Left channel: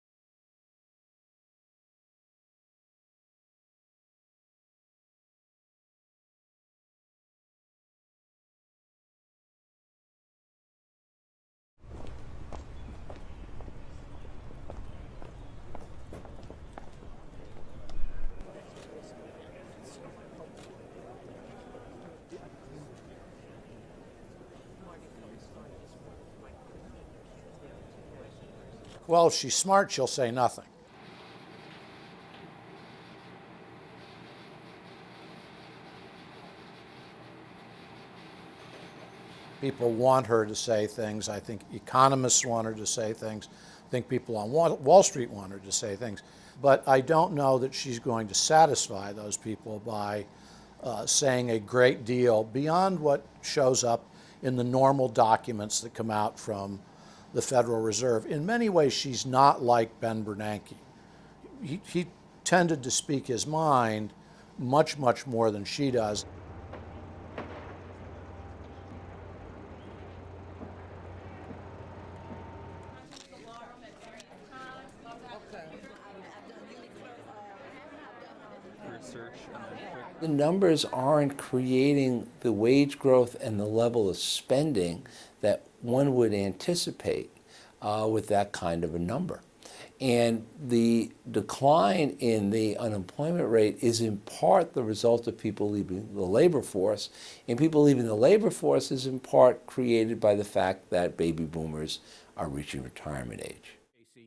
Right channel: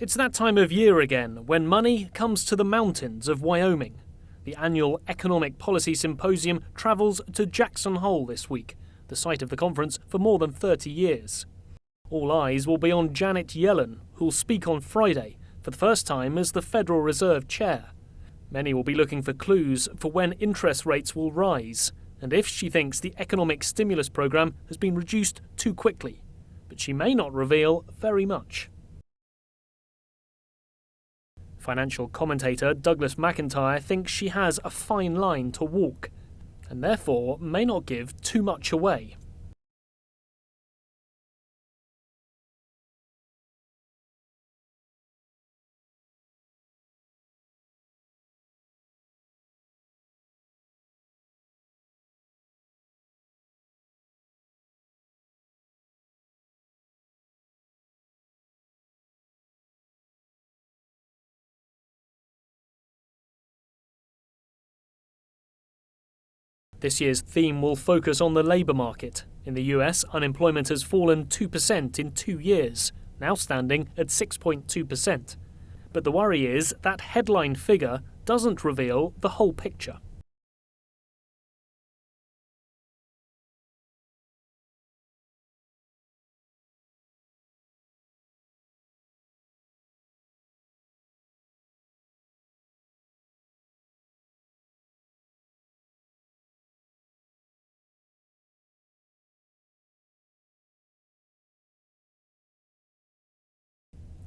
It's that time of year again when money comes to the mountains of Wyoming. The annual Economic Policy Symposium travels to Jackson Hole this week, the site of the conference for more than 30 years. All eyes will be on Janet Yellen, who'll speak on Friday for the first time as the Federal Reserve Chair. Many will be looking for clues for when interest rates will rise and if she thinks the economic stimulus program has been reduced too quickly. But she may not reveal very much. Well, if she's smart, she'll say nothing. Financial commentator Douglas McIntyre thinks she has a fine line to walk and therefore may not give too much away. People want her to say things. I think economists want her to say things. I think people on Wall Street want her to say things. But I don't know that she's going to satisfy those people by saying a great deal beyond what shows up in the normal documents that come out from the Federal Reserve. In many ways, she's not like Ben Bernanke. He tended to speak his mind much more than she does. This year's theme will focus on the labour market. In the US, unemployment has fallen 2% in 2 years, now standing at 6.2%. But the worry is that headline figure doesn't reveal the whole picture. The numbers aren't creating the wage growth and the level of spending that one would anticipate with that kind of a number. And the decline in the unemployment rate is in part the result of people leaving the labor force, and people leaving the labor force is in part created by the fact that baby boomers are reaching retirement age.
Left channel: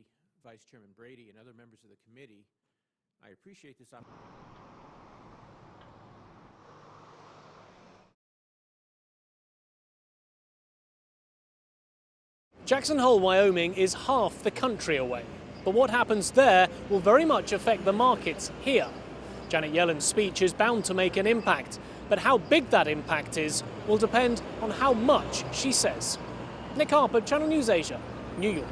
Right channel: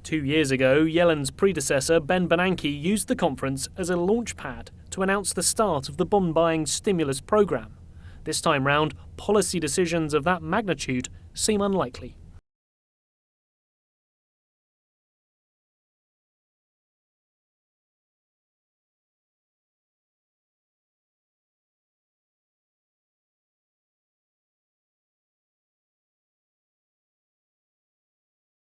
2 years ago, Yellen's predecessor, Ben Bernanke, used the conference as a launchpad to announce the start of the bond-buying stimulus program. This time round, policy decisions of that magnitude seem unlikely. Jackson Hole, Wyoming is half the country away, but what happens there will very much affect the markets here. Janet Yellen's speech is bound to make an impact, but how big that impact is will depend on how much she says. Nick Harper, Channel News Asia, New York.